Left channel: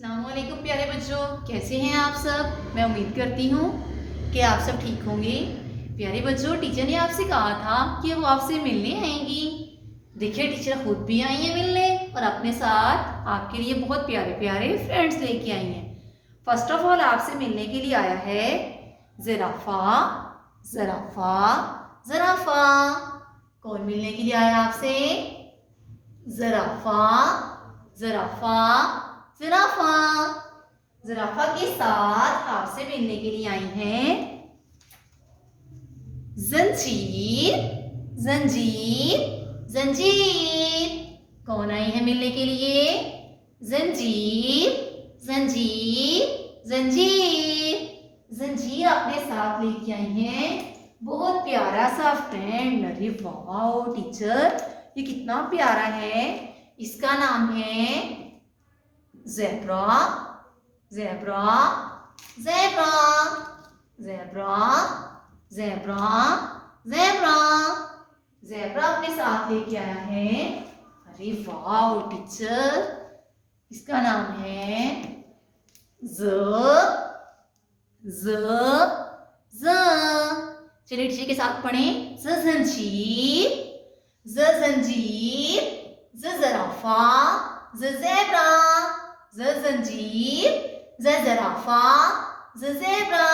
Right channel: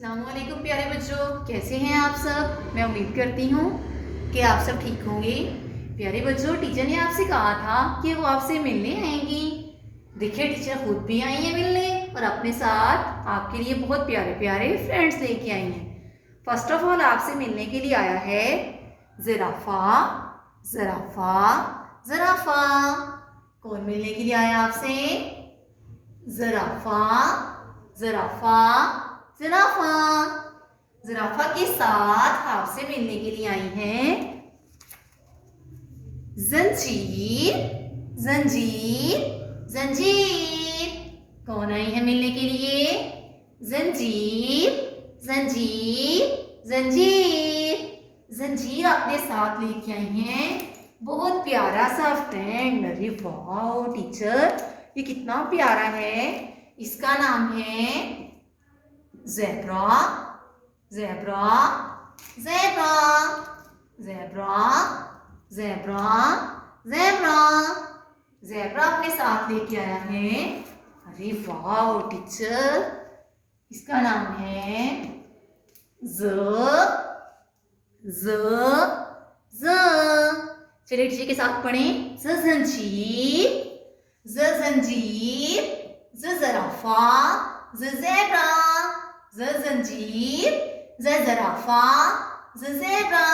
अस्सलामुअलैकुम प्यारे बच्चों, कैसे हैं आप सब। मैं उम्मीद करती हूँ कि आप सब ठीक होंगे। प्यारे बच्चों, टीचर ने आपसे कहा था कि वो आपसे मिलने आएंगी। देखिए, टीचर खुद भी आई हैं मिलने और अपने साथ आपके लिए बहुत प्यारे प्यारे फ्रेंड्स लेके आई हैं। फर्स्ट ऑफ ऑल आपसे मिलने के लिए आया है ज़राफ़ा। ज़राफ़ा ज़राफ़ा कौन मिलने के लिए आया आपसे? ज़राफ़ा ज़राफ़ा ज़राफ़ा ज़राफ़ा के साथ आपसे मिलने के लिए आई हैं ज़ंजीर। ज़ंजीर ज़ंजीर कौन आई है मिलने के लिए? ज़ंजीर ज़ंजीर ज़ंजीर ज़ंजीर अपने साथ लेके आई हैं बहुत प्यारा सा फ्रेंड। अरे वाह टीचर, ये कितना प्यारा है। इसका नाम है zebra. Zebra zebra zebra zebra zebra zebra अपने साथ लेके आया है। अरे वाह टीचर, इसका नाम है ज़ ज़ ज़। चलिए टीचर के साथ पढ़ें। ज़ ज़ंजीर ज़ ज़ंजीर ज़ ज़राफ़ा ज़ ज़ेब्रा ज़ ज़ंजीर ज़ ज़राफ़ा ज़ ज़ेब्रा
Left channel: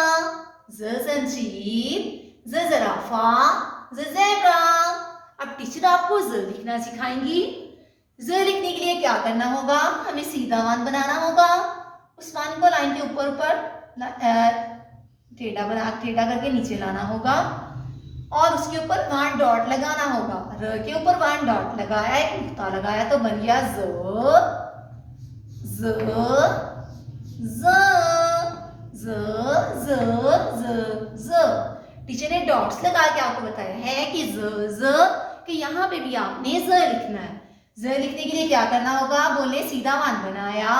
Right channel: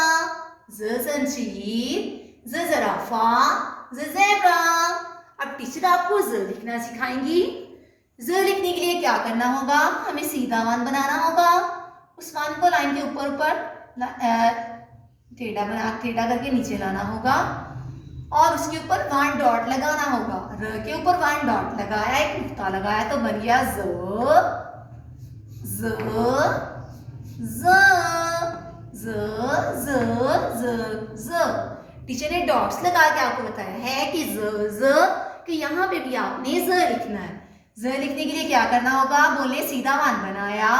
ज़ ज़ंजीर ज़ ज़राफ़ा ज़ ज़ेब्रा। अब टीचर आपको ज़ लिखना सिखाएंगी। ज़ लिखने के लिए क्या करना होगा? हमें सीधा वन बनाना होगा। उस वन को लाइन के ऊपर टेढ़ा करके नीचे लाना होगा और उसके ऊपर वन डॉट लगाना होगा। र के ऊपर वन डॉट लगाया, एक नुक्ता लगाया तो बन गया ज़ ज़ ज़ ज़ ज़ ज़ ज़। टीचर ने डॉट्स लगा के आपको बताया है कि ज़ ज़ कि यहाँ पे भी आपने ज़ लिखना है। ज़ लिखने के लिए क्या करना होगा? बोले सीधा वन बनाया,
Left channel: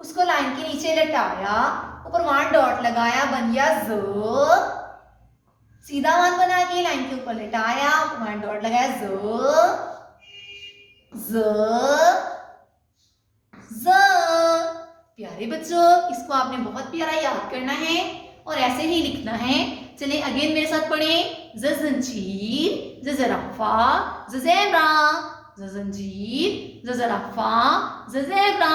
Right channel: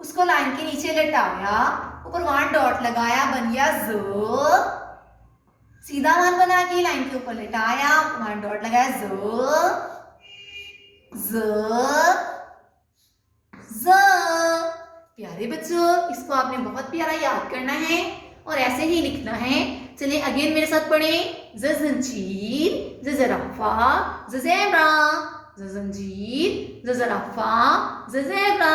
उसको लाइन के नीचे लटाया, ऊपर वन डॉट लगाया, बन गया ज़। सीधा वन बना के लाइन के ऊपर लटाया, वन डॉट लगाया, ज़ ज़ ज़। प्यारे बच्चों, इसको आपने बहुत प्यारा याद करना है और ऐसे ही लिखना है। चलिए अगेन मेरे साथ पढ़ें। ज़ ज़ंजीर ज़ ज़राफ़ा ज़ ज़ेब्रा ज़ ज़ंजीर ज़ ज़राफ़ा ज़ ज़ेब्रा।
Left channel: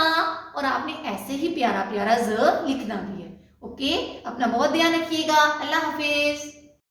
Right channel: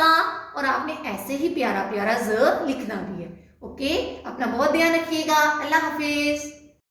और आपने ऐसे ही प्यारा प्यारा ज़ लिखना भी है। ओके, अपना बहुत ध्यान रखिएगा। अल्लाह हाफिज।